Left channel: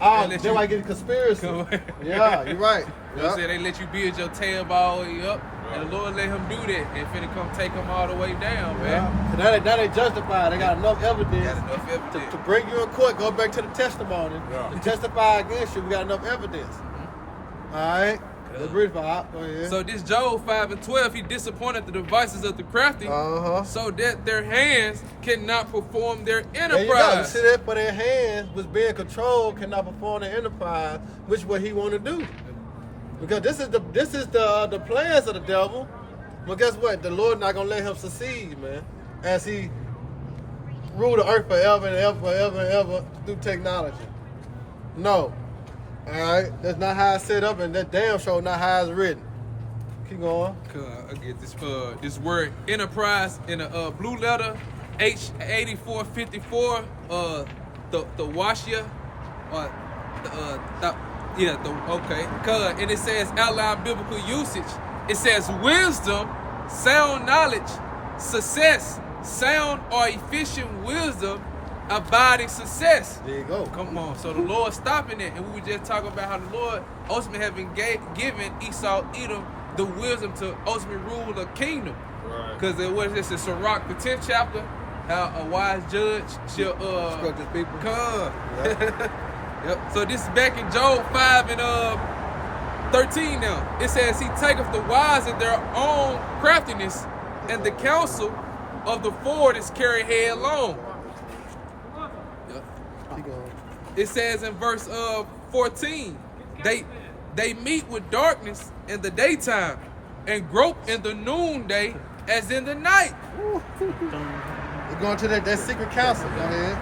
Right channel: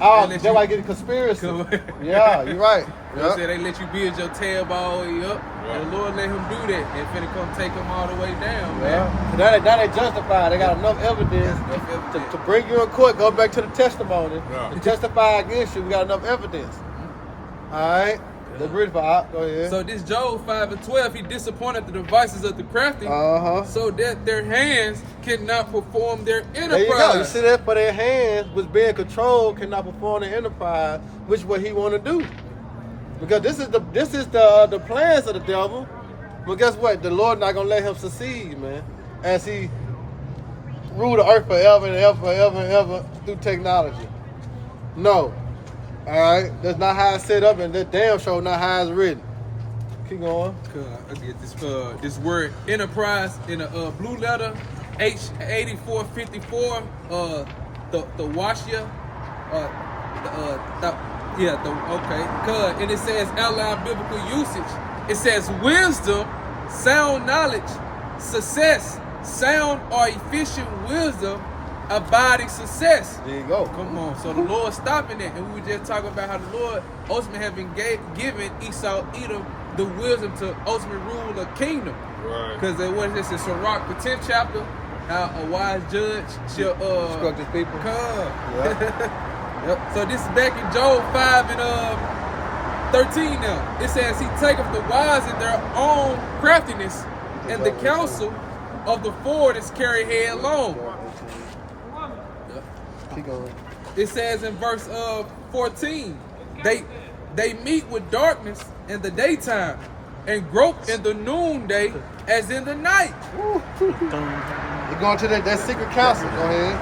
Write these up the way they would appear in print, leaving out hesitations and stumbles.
Oh, that's why I get conspiracy. Yeah, you're right. You know what I'm saying? They let you build your tail all the way up, and the Lord let him do that, and finna come take him all the way down, man. Now they justify. They got enough evidence, to bring you in court. Go back to the testimony to testify against you. We got enough evidence. All right. Let's read for out. Go ahead. So this Job 5:12, he disappointed the devices of the crafty, so that their hands cannot perform their enterprise. There you go. You see that? For their hands, which being controlled, cannot perform their enterprise, which is what he want to do. Because this is the plans of the devil. But guess what? The Lord not gonna let him succeed, man. As he rule the earth forever and ever, forever and ever through technology. No. All right, that's not how it's set up, and that damn show not how it's written. Keep going. I get this word enterprise in a blue letter, H8454. The Washia, okay. And it says outline biblical usage. It says wisdom, sound knowledge, success, sound or efficient wisdom, abiding success. There you go. Come on. So the Lord stopping it, and we were just talking about how the Lord ultimately have been given Esau, Edom, the wisdom to ultimately rule the kingdom. Because what is this? It's Sirach, the 10th chapter. How a wise judge shall instruct his people. Come. Yep. So this is back in Job 5:13 now. It says he taketh the wise in their own craftiness, and the counsel of the forward is carried headlong. It says in verse 14, they meet with darkness in the daytime and grope in the noonday as in the night. You're going to that secret council. Go ahead.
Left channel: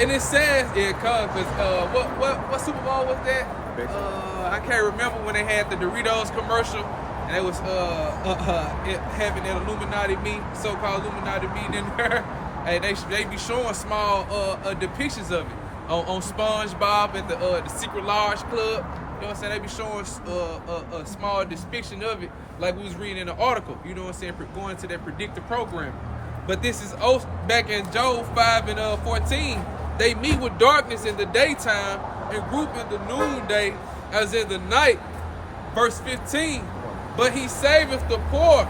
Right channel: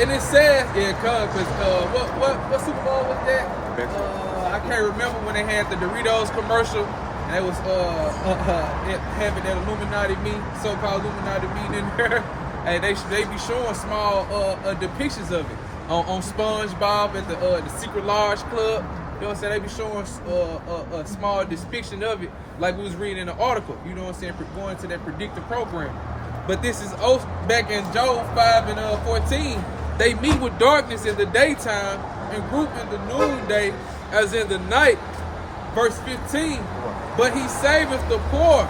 And it says, because what Super Bowl was that? I can't remember when they had the Doritos commercial, and they was having that Illuminati meeting, so-called Illuminati meeting in there. Hey, they be showing small depictions of it on SpongeBob at the Secret Large Club. You know what I'm saying? They be showing a small depiction of it, like we was reading in an article. You know what I'm saying? Going to that predictive program. But this is back in Job 5:14. They meet with darkness in the daytime and group in the noonday as in the night. Verse 15. But he saveth the poor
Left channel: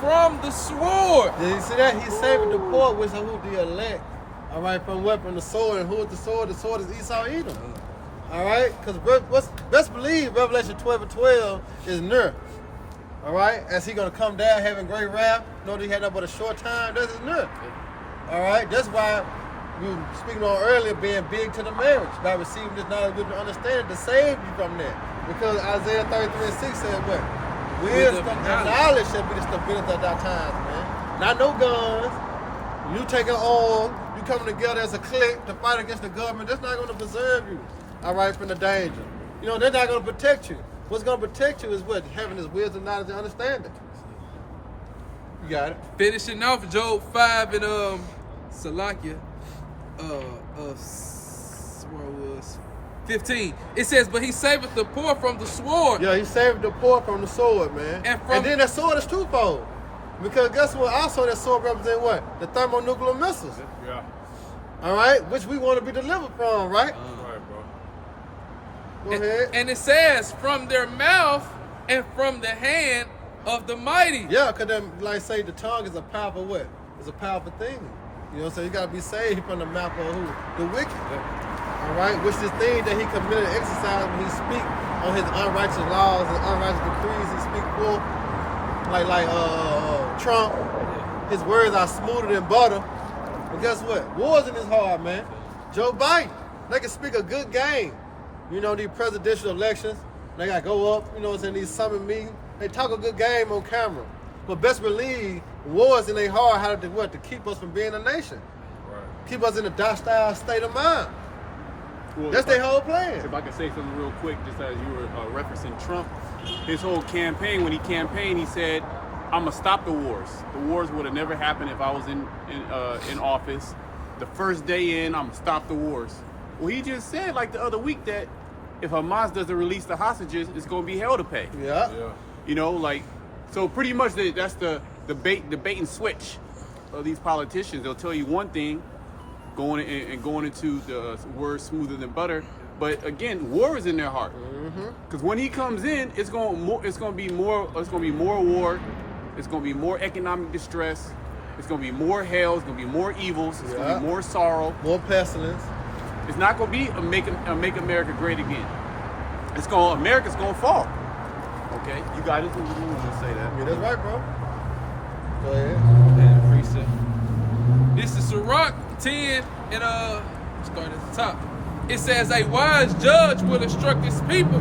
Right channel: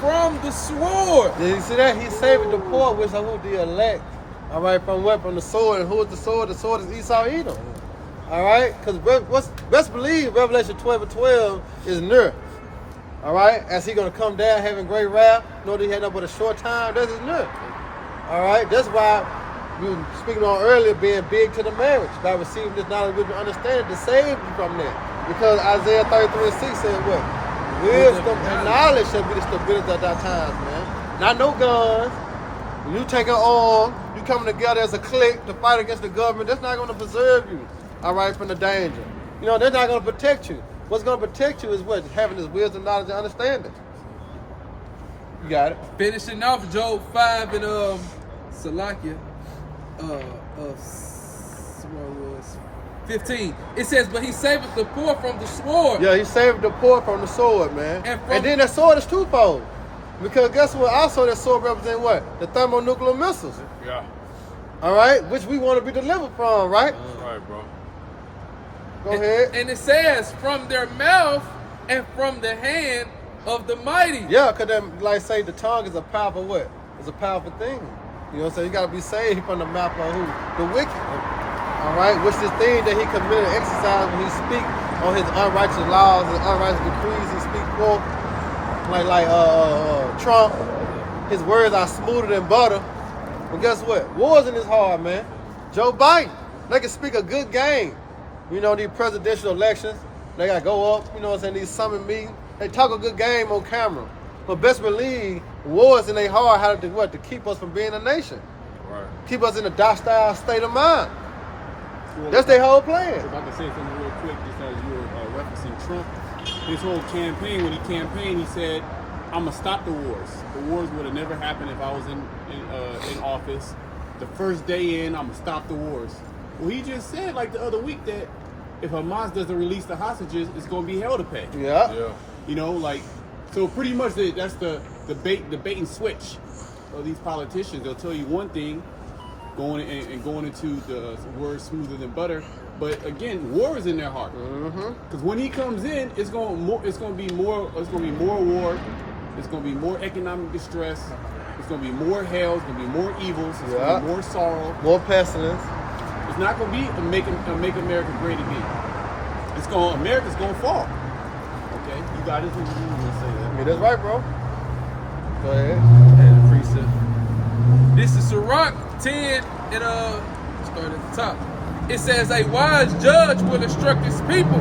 from the sword. Yeah, you see that? He saving the poor, which are who the elect. All right, from what? From the sword. And who is the sword? The sword is Esau, Edom. All right? Because best believe Revelation 12:12 is near. All right? As he going to come down having great wrath. Know that he had nothing but a short time. That is near. All right? That's why we were speaking on earlier being big to the marriage. By receiving this knowledge and understanding to save you from that. Because Isaiah 33:6 said what? Wisdom and knowledge should be the stability at that time, man. Not no guns. You take an arm, you coming together as a clique to fight against the government, that's not going to preserve you, all right, from the danger. You know, they're not going to protect you. What's going to protect you is what? Having this wisdom, knowledge, and understanding. You got it. Finishing off Job 5 and Salakia, where it was 15. It says, but he saveth the poor from the sword. Yeah, he saved the poor from the sword, man. And then that sword is twofold. Because guess what? Also, that sword represents what? The thermonuclear missiles. Yeah. All right? Which we want to be delivered from, right? All right, bro. Go ahead. And it says, from their mouth and from the hand of the mighty. Yeah, because like say, the tongue is a powerful what? It's a powerful thing. You know what I'm saying? You got to be saved from the mouth of who? The wicked. All right? Which is thing that he committed and exercised when he speak on his unrighteous laws and unrighteous decrees he speak for. Like Trump, his words are smoother than butter. But guess what? Wars in his heart, man. Joe Biden, they can speak a good game. You know, these presidential elections, they got to go up, you know what I'm saying, these summit meetings. They talk a good game on camera. But best believe, wars in their heart, how to do what? To keep us from being a nation. Right. Keep us in a docile state of mind. Well, that's their whole plan. If I can say something real quick, just as you were referencing Trump, his whole campaign, when he campaigned, he said, I'm going to stop the wars. The wars would have never happened if I was in office. The first day in, I'm going to stop the wars. Well, he just said, like the other week, that if Hamas doesn't release the hostages, it's going to be hell to pay. Yeah. You know, like, so pretty much that's the bait and switch of these politicians. They'll tell you one thing, going into the word smoother than butter, But again, war is in their heart. Because when he comes in, it's going to be more war. It's going to be more economic distress. It's going to be more hell. It's going to be more evils. It's going to be more sorrow. More pestilence. It's not going to be a make America great again. America's going to fall. Okay, you got it. You want to say that? Yeah, that's right, bro. Go ahead. And precept. This is Sirach 10 and start at the top. It says, a wise judge will instruct his people,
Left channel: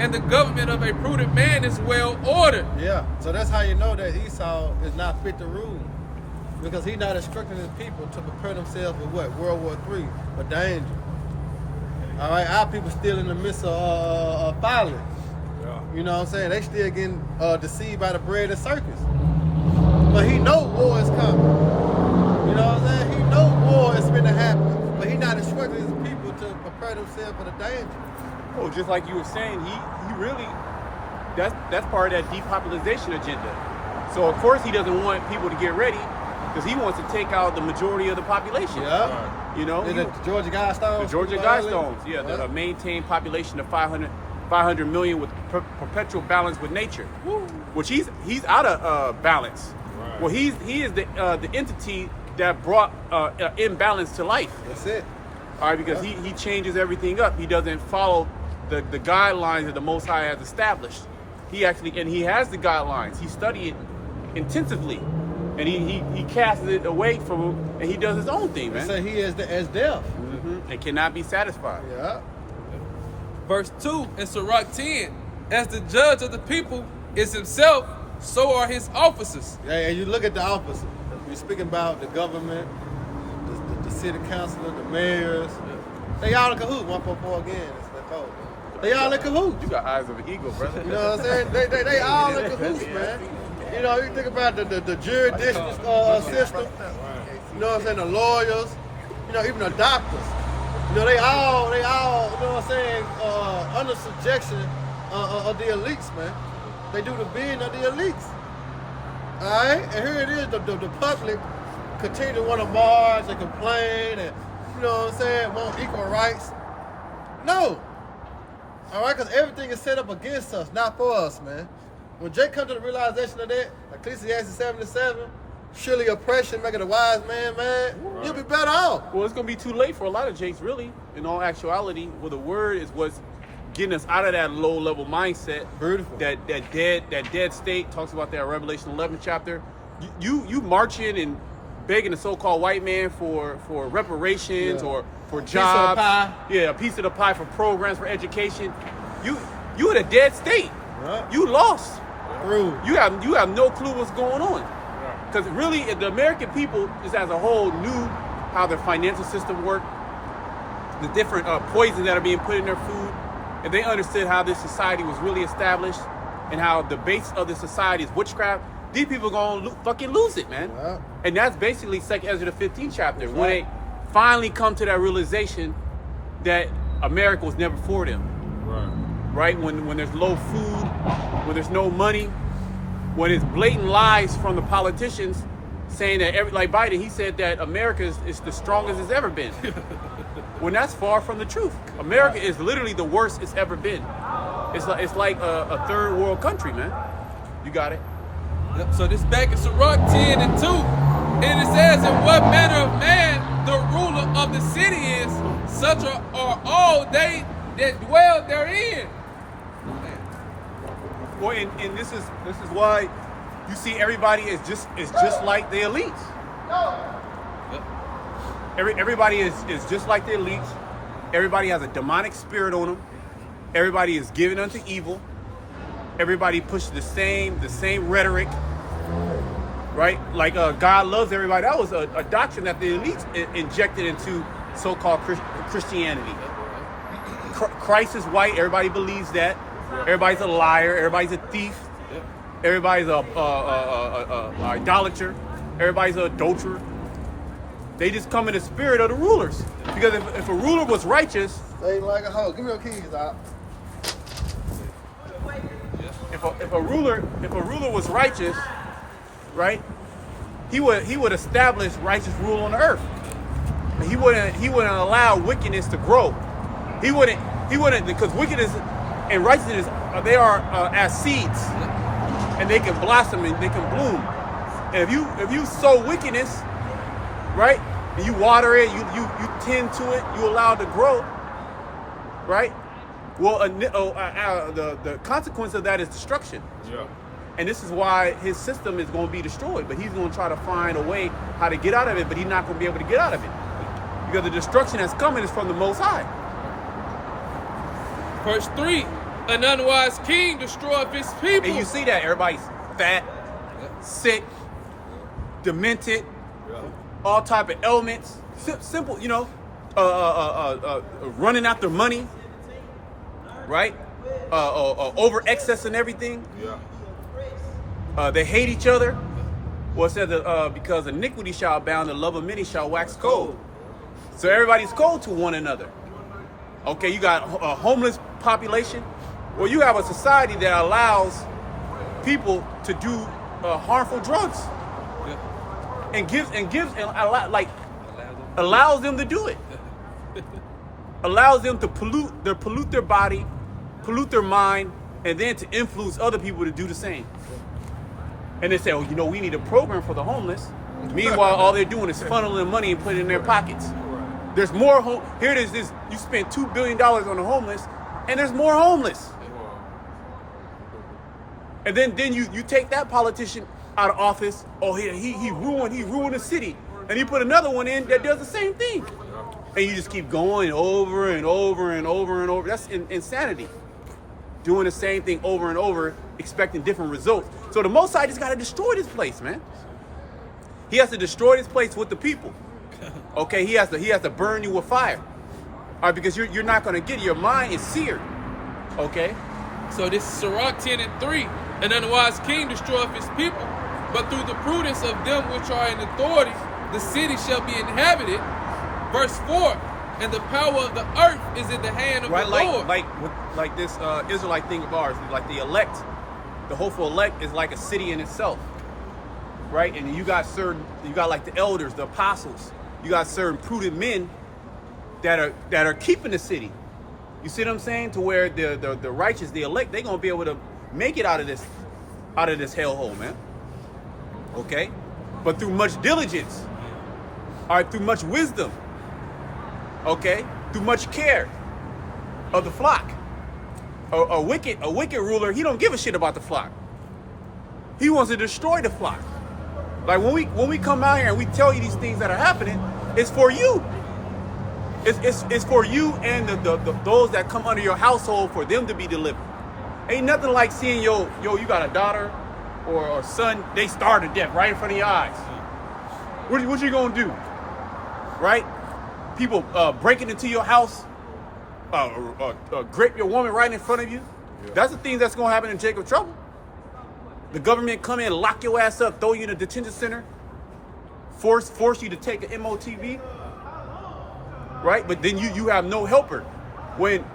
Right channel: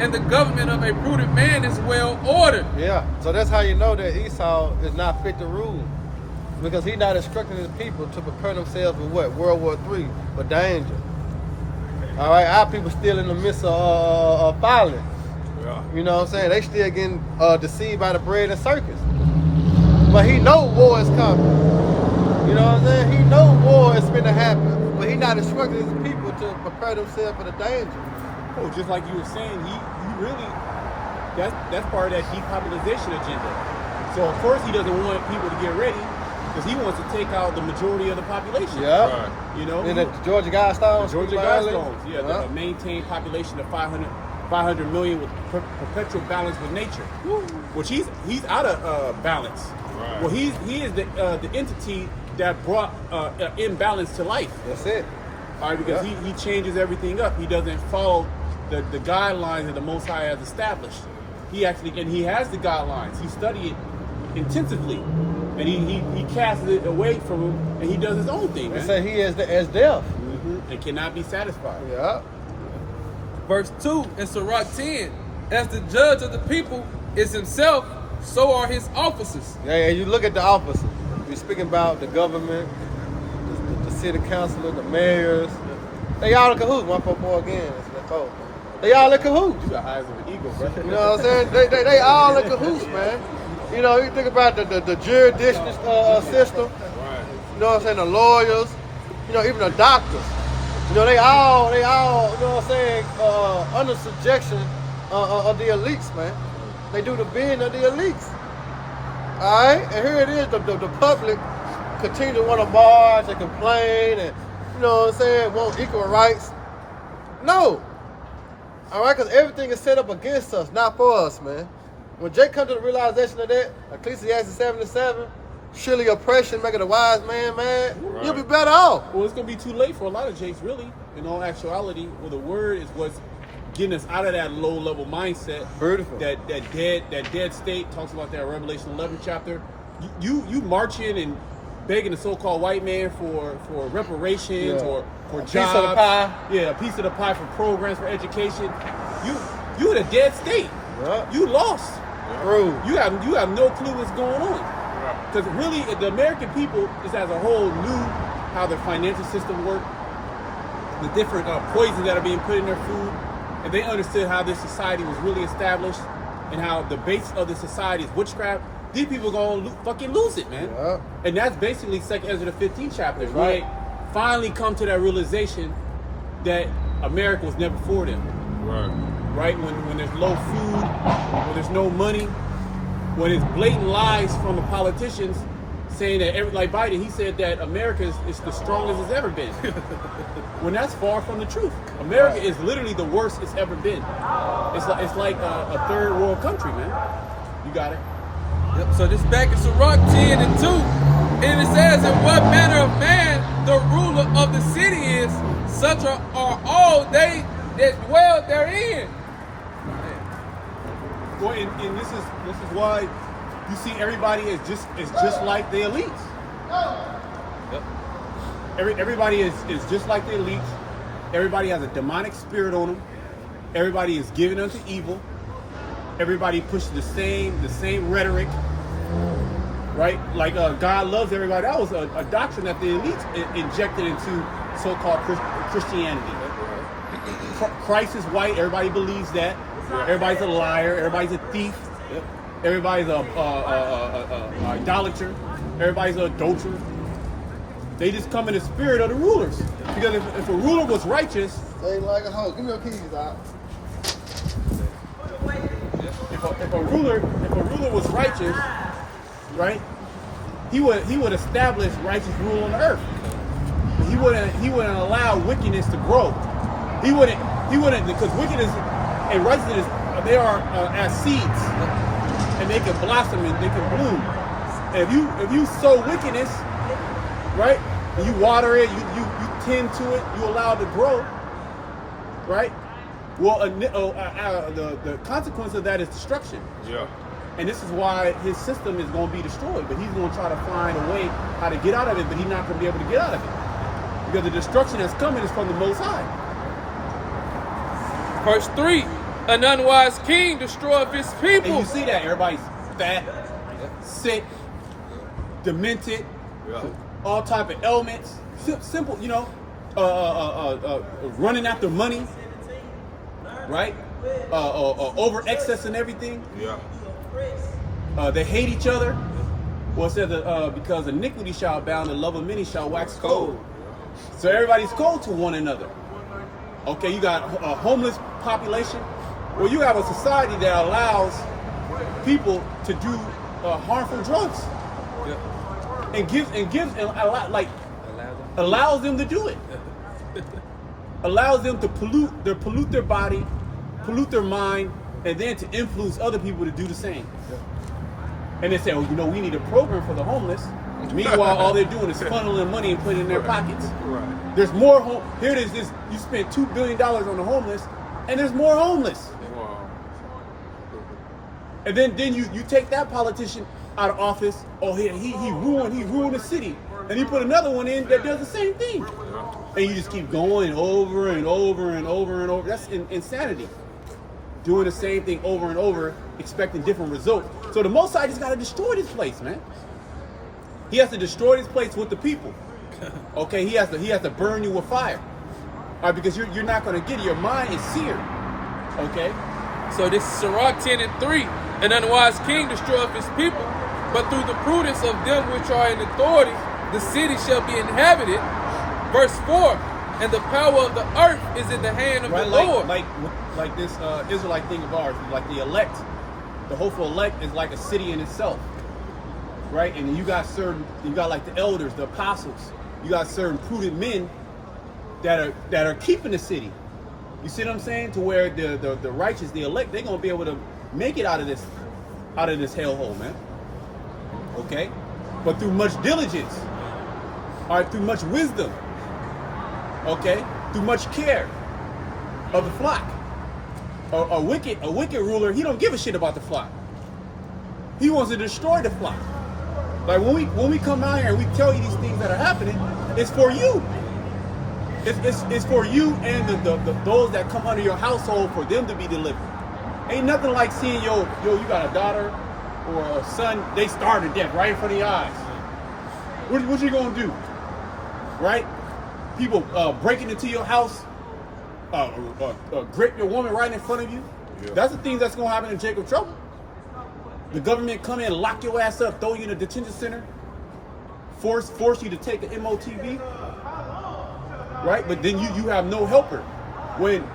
and the government of a prudent man is well ordered. Yeah, so that's how you know that Esau is not fit to rule. Because he's not instructing his people to prepare themselves for what? World War III, for danger. All right, our people still in the midst of violence. You know what I'm saying? They still getting deceived by the bread and circus. But he know war is coming. You know what I'm saying? He know war is going to happen. But he not instructing his people to prepare themselves for the danger. Oh, just like you were saying, he really, that's part of that depopulation agenda. So of course he doesn't want people to get ready because he wants to take out the majority of the population. Yeah. You know? The Georgia Guidestones. The Georgia Guidestones, yeah. The maintained population of 500 million with perpetual balance with nature. Woo. Which he's out of balance. Right. Well, he is the entity that brought imbalance to life. That's it. All right, because he changes everything up. He doesn't follow the guidelines that the Most High has established. He has the guidelines. He studied it intensively, and he casts it away from him, and he does his own thing, man. They say he is as death. And cannot be satisfied. Yeah. Verse 2 in Sirach 10, as the judge of the people is himself, so are his officers. Yeah, and you look at the officers. We're speaking about the government, the city councilor, the mayors. They all in cahoots. 144 again. That's that they all in cahoots. You got eyes of an eagle, brother. You know what I'm saying? They all in cahoots, man. You know, you think about the jurisdiction system. You know what I'm saying? The lawyers. You know, even the doctors. You know, they all, you know what I'm saying, under subjection of the elites, man. They do the bidding of the elites. All right? And here it is, the public continue to want to march and complain and, you know what I'm saying, want equal rights. No. All right? Because everything is set up against us, not for us, man. When Jake comes to the realization of that, Ecclesiastes 77, surely oppression making a wise man mad, you'll be better off. Well, it's going to be too late for a lot of Jakes, really, in all actuality. Well, the word is what's getting us out of that low-level mindset. Beautiful. That dead state. Talks about that Revelation 11 chapter. You marching and begging the so-called white man for reparations or for jobs. Piece of the pie. Yeah, a piece of the pie for programs, for education. You in a dead state. Yep. You lost. True. You have no clue what's going on. Because really, the American people, just as a whole, knew how the financial system worked, the different poisons that are being put in their food, and they understood how this society was really established and how the base of the society is witchcraft. These people are going to fucking lose it, man. Yeah. And that's basically 2nd Ezra, the 15th chapter, That's when right. they finally come to that realization that America was never for them. Right? When there's low food, when there's no money, when it's blatant lies from the politicians saying that, like Biden, he said that America is the strongest it's ever been. When that's far from the truth. America is literally the worst it's ever been. It's like a third world country, man. You got it. Yep, so this back in Sirach 10 and 2, and it says, in what manner of man the ruler of the city is, such are all they that dwell therein. Well, and this is why you see everybody is just like the elites. Yep. Everybody is just like the elites. Everybody has a demonic spirit on them. Everybody is given unto evil. Everybody pushes the same rhetoric, right? Like God loves everybody. That was a doctrine that the elites injected into so-called Christianity. Christ is white. Everybody believes that. Everybody's a liar. Everybody's a thief. Yep. Everybody's a idolater. Everybody's an adulterer. They just come in the spirit of the rulers. Because if a ruler was righteous, Say it like a hoe. Give me your keys, Doc. if a ruler was righteous, right? He would establish righteous rule on the earth. He wouldn't allow wickedness to grow. He wouldn't, because wickedness and righteousness, they are as seeds, and they can blossom and they can bloom. And if you sow wickedness, right, and you water it, you tend to it, you allow it to grow, right? Well, the consequence of that is destruction. Yeah. And this is why his system is going to be destroyed. But he's going to try to find a way how to get out of it, but he's not going to be able to get out of it. Because the destruction that's coming is from the Most High. Verse 3, an unwise king destroyeth his people. And you see that everybody's fat, sick, demented, all type of ailments. Simple, running after money, right? Over excess and everything. Yeah. They hate each other. Well, it says that because iniquity shall abound, the love of many shall wax cold. So everybody's cold to one another. Okay, you got a homeless population. Well, you have a society that allows people to do harmful drugs, and allows them to do it. Allows them to pollute their body, pollute their mind, and then to influence other people to do the same. And they say, well, we need a program for the homeless. Meanwhile, all they're doing is funneling money and putting it in their pockets. There's more here it is. You spent $2 billion on the homeless, and there's more homeless. And then you take that politician out of office. Oh, he ruined the city, and he put another one in that does the same thing. And you just keep going over and over and over and over. That's insanity. Doing the same thing over and over, expecting different results. So the Most High just got to destroy this place, man. He has to destroy this place with the people. Okay, he has to burn you with fire. All right, because you're not going to get it. Your mind is seared. Okay? So this is Sirach 10 and 3. An unwise king destroyeth his people, but through the prudence of them which are in authority, the city shall be inhabited. Verse 4, and the power of the earth is in the hand of the Lord. Like this Israelite thing of ours, like the elect, the hopeful elect is like a city in itself. Right? And you got like the elders, the apostles, you got certain prudent men that are keeping the city. You see what I'm saying? To where the righteous, the elect, they're gonna be able to make it out of this hellhole, man. Okay? But through much diligence, all right, through much wisdom, okay, through much care of the flock. A wicked ruler, he don't give a shit about the flock. He wants to destroy the flock. Like when we come out here and we tell you these things that are happening, it's for you. It's for you and those that come under your household, for them to be delivered. Ain't nothing like seeing you got a daughter or a son, they starve to death right in front of your eyes. What you gonna do? Right? People breaking into your house, grape your woman right in front of you. Yeah. That's the thing that's gonna happen in Jacob Trouble. The government come in, lock your ass up, throw you in a detention center, force you to take an MOTV, right? But then you have no helper. When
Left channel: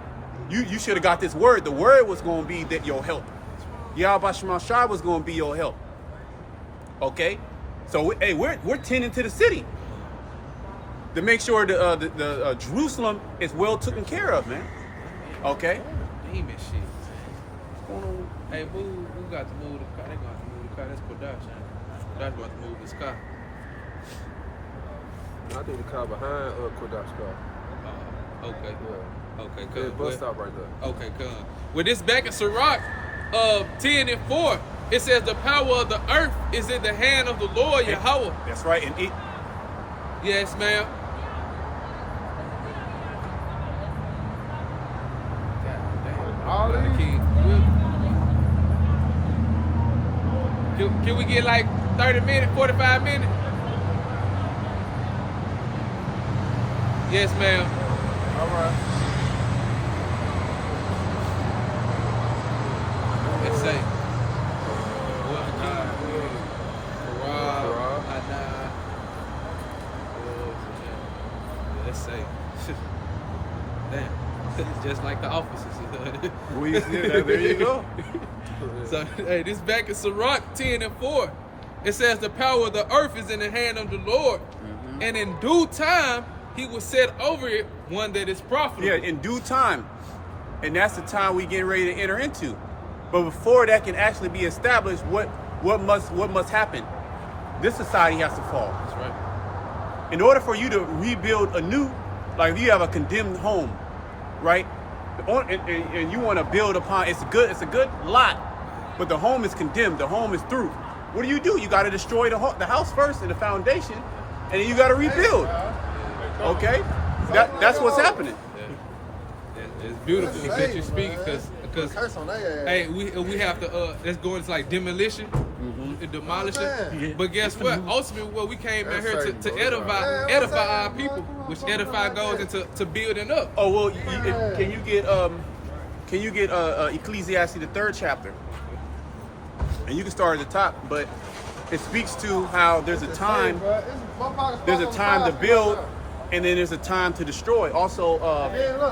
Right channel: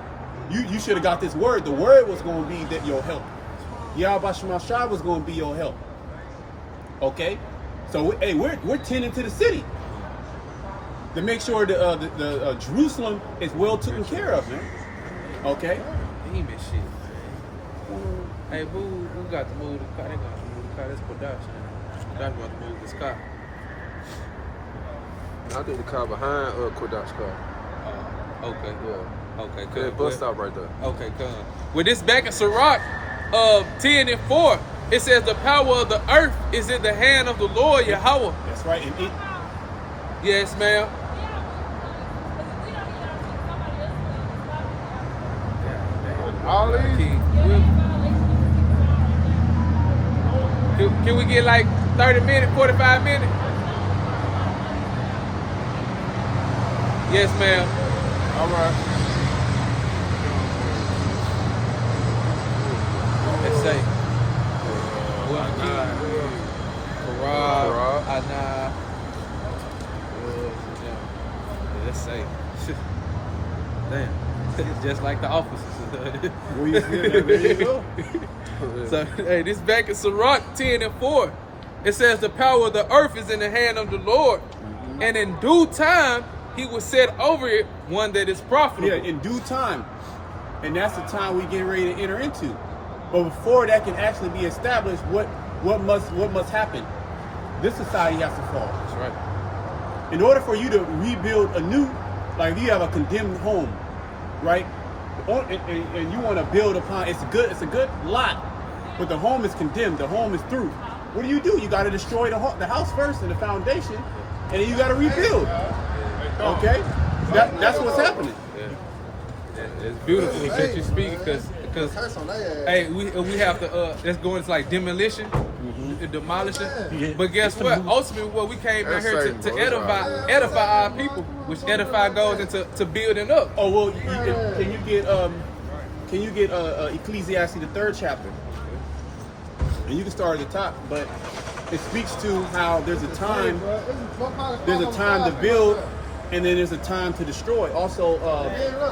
you should have got this word. The word was going to be that your help. Yahweh Shemashah was going to be your help. Okay? So, hey, we're tending to the city to make sure the Jerusalem is well taken care of, man. Okay? Demon shit, man. Hey, who got to move the car? They got to move the car. That's Kodash, ain't it? Kodash got to move this car. I think the car behind Kodak's car. Okay. Yeah. Okay, Yeah, good. bus stop right there. Okay, good. With this back in Sirach 10 and 4, it says the power of the earth is in the hand of the Lord Yahweh. That's right. And it. Yes, ma'am. God damn. All Lot of these- kids. Can we get like 30 minutes, 45 minutes? Yes, ma'am. All right. Let's say. Karab, Anna. Yeah, let's say. Damn. Just like the officers. Well, yeah, there you go. So, hey, this back in Sirach 10 and 4. It says the power of the earth is in the hand of the Lord. Mm-hmm. And in due time, he will set over it one that is profitable. Yeah, in due time. And that's the time we get ready to enter into. But before that can actually be established, what must happen? This society has to fall. That's right. In order for you to rebuild anew, like if you have a condemned home, right? And you want to build upon it's a good lot, but the home is condemned, the home is through. What do? You got to destroy the house first and the foundation, and then you got to rebuild. Okay? That's what's happening. It's beautiful that you speak because hey, we have to let's go into like demolition, demolishing. But guess what? Ultimately, what we came in here to edify our people, which edify goes into building up. Oh well, can you get Ecclesiastes the 3rd chapter, and you can start at the top, but it speaks to how there's a time to build. And then there's a time to destroy. Also,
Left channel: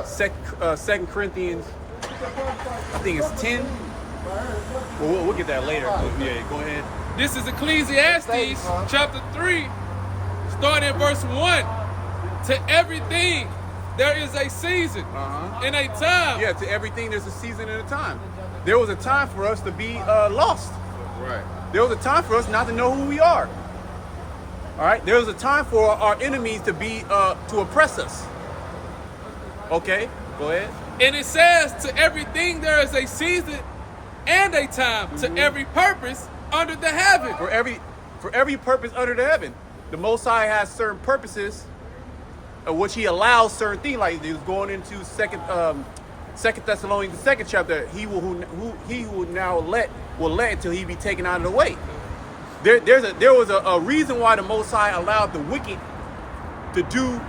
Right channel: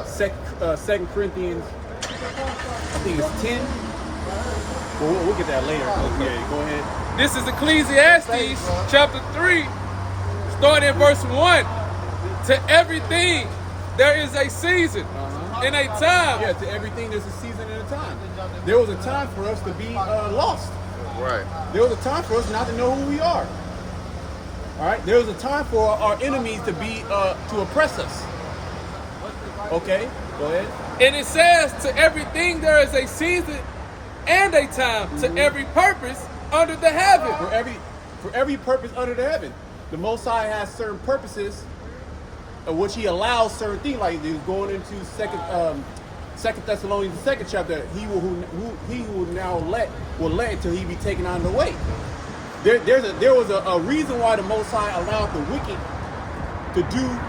2 Corinthians, I think it's 10. Well, we'll get that later. Okay, go ahead. This is Ecclesiastes chapter 3, starting in verse 1. To everything there is a season and a time. Yeah, to everything there's a season and a time. There was a time for us to be lost. Right. There was a time for us not to know who we are. All right, there was a time for our enemies to be to oppress us. Okay, go ahead. And it says, to everything there is a season and a time, to every purpose under the heaven. For every purpose under the heaven, the Most High has certain purposes, which He allows certain things. Like he was going into Second Thessalonians the 2nd chapter. He who now will let until He be taken out of the way. There was a reason why the Most High allowed the wicked to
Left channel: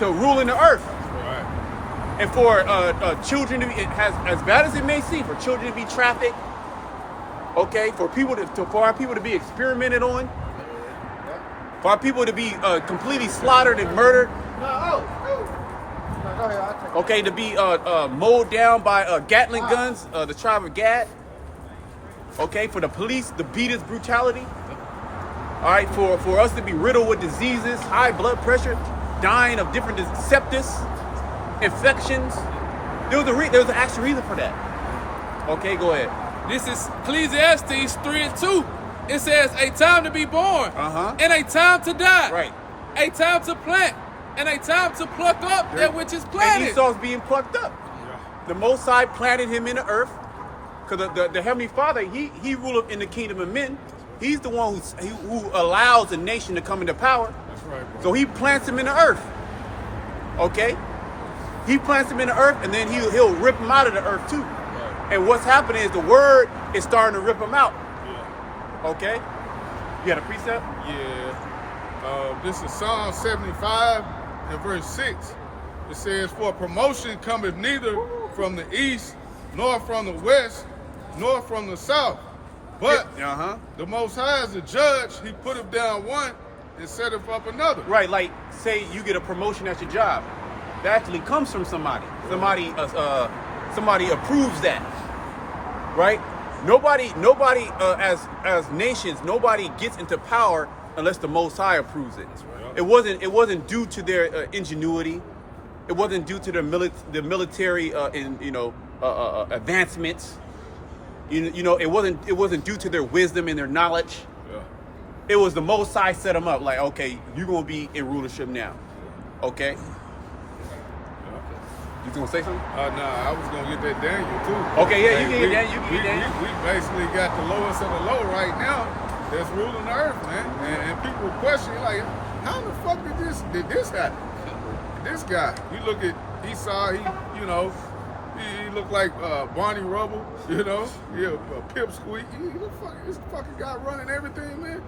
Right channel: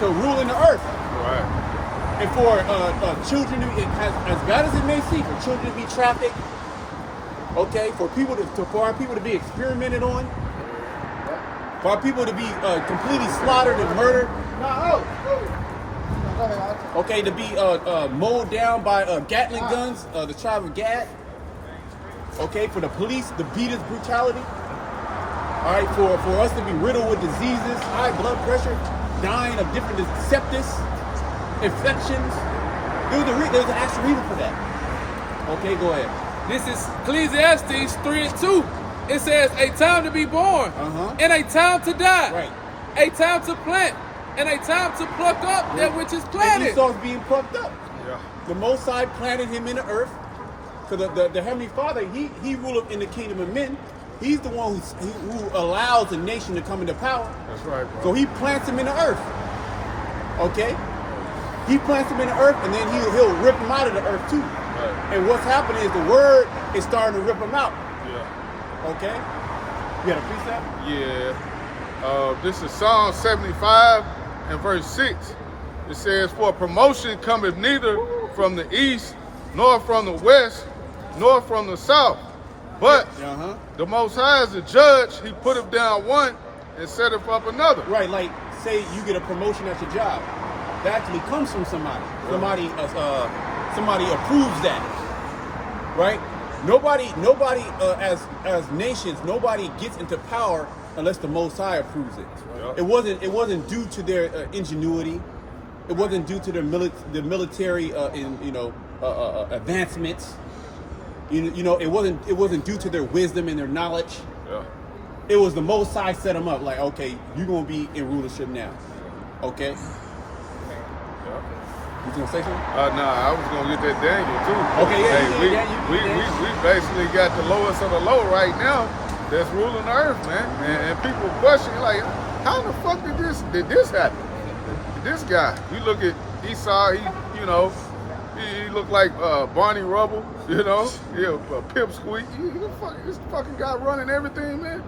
rule in the earth. Right. And for children to be, as bad as it may seem, for children to be trafficked, okay, for our people to be experimented on, for our people to be completely slaughtered and murdered, okay, to be mowed down by Gatling guns, the tribe of Gad, okay, for the police to beat us brutality. All right, for us to be riddled with diseases, high blood pressure, dying of different sepsis, infections. There was an actual reason for that. Okay, go ahead. This is Ecclesiastes 3 and 2. It says, a time to be born and a time to die. Right. A time to plant and a time to pluck up that which is planted. And Esau's being plucked up. Yeah. The Most High planted him in the earth. Because the Heavenly Father, he ruleth in the kingdom of men. He's the one who allows a nation to come into power. That's right, bro. So He plants him in the earth. Okay? He plants him in the earth, and then he'll rip him out of the earth too. Right. And what's happening is the word is starting to rip him out. Yeah. Okay? You got a precept? Yeah. This is Psalm 75 and verse 6. It says, for promotion cometh neither from the east, nor from the west, nor from the south. But the Most High is the judge. He putteth down one and setteth up another. Right, like say you get a promotion at your job. That actually comes from somebody. Somebody approves that. Right? Nobody as nations, nobody gets into power unless the Most High approves it. Right. It wasn't due to their ingenuity. It wasn't due to their military advancements. It wasn't due to their wisdom and their knowledge. Yeah. It was the Most High set them up. Like, okay, you're gonna be in rulership now. Okay. Yeah. You gonna say something? Nah, I was gonna get that Daniel too. Okay, yeah, Hey, you get that. You get that. We basically got the lowest of the low right now that's ruling the earth, man. And people question like, how the fuck did this happen? This guy, you look at Esau, he looked like Barney Rubble, yeah, a pipsqueak. This fucking guy running everything, man,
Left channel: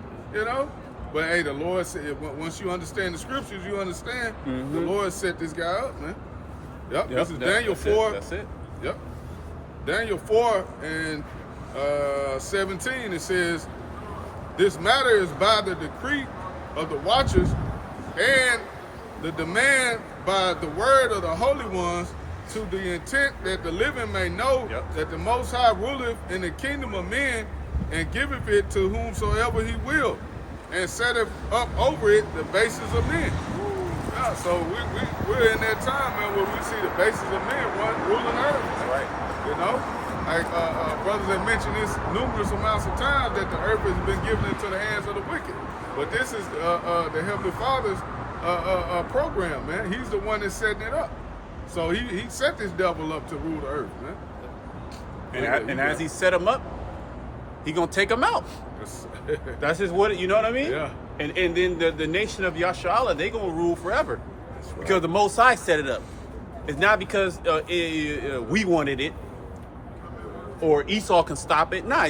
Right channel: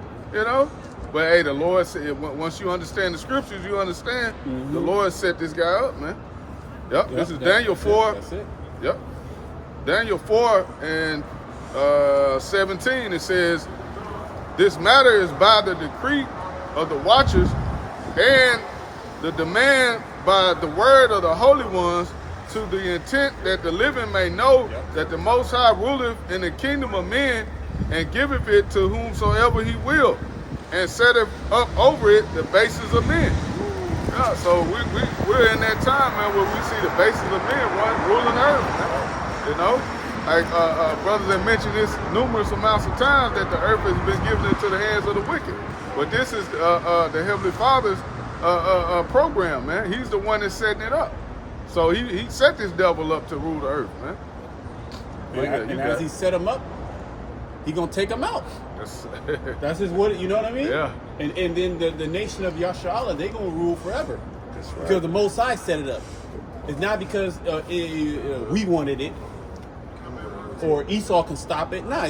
But hey, the Lord said, once you understand the scriptures, you understand the Lord set this guy up, man. Yep, this is Daniel 4. That's it. Yep. Daniel 4 and 17, it says, this matter is by the decree of the watchers and the demand by the word of the holy ones, to the intent that the living may know that the Most High ruleth in the kingdom of men, and giveth it to whomsoever He will, and setteth up over it the bases of men. Yeah, so we're in that time, man, where we see the basis of men ruling earth. You know, like brothers have mentioned this numerous amounts of times that the earth has been given into the hands of the wicked. But this is the Heavenly Father's program, man. He's the one that's setting it up. So he set this devil up to rule the earth, man. And as he set him up, he gonna take him out. That's his what, you know what I mean? Yeah. And then the nation of Yasharallah, they gonna rule forever. Right. Because the Most High set it up. It's not because we wanted it or Esau can stop it. Nah,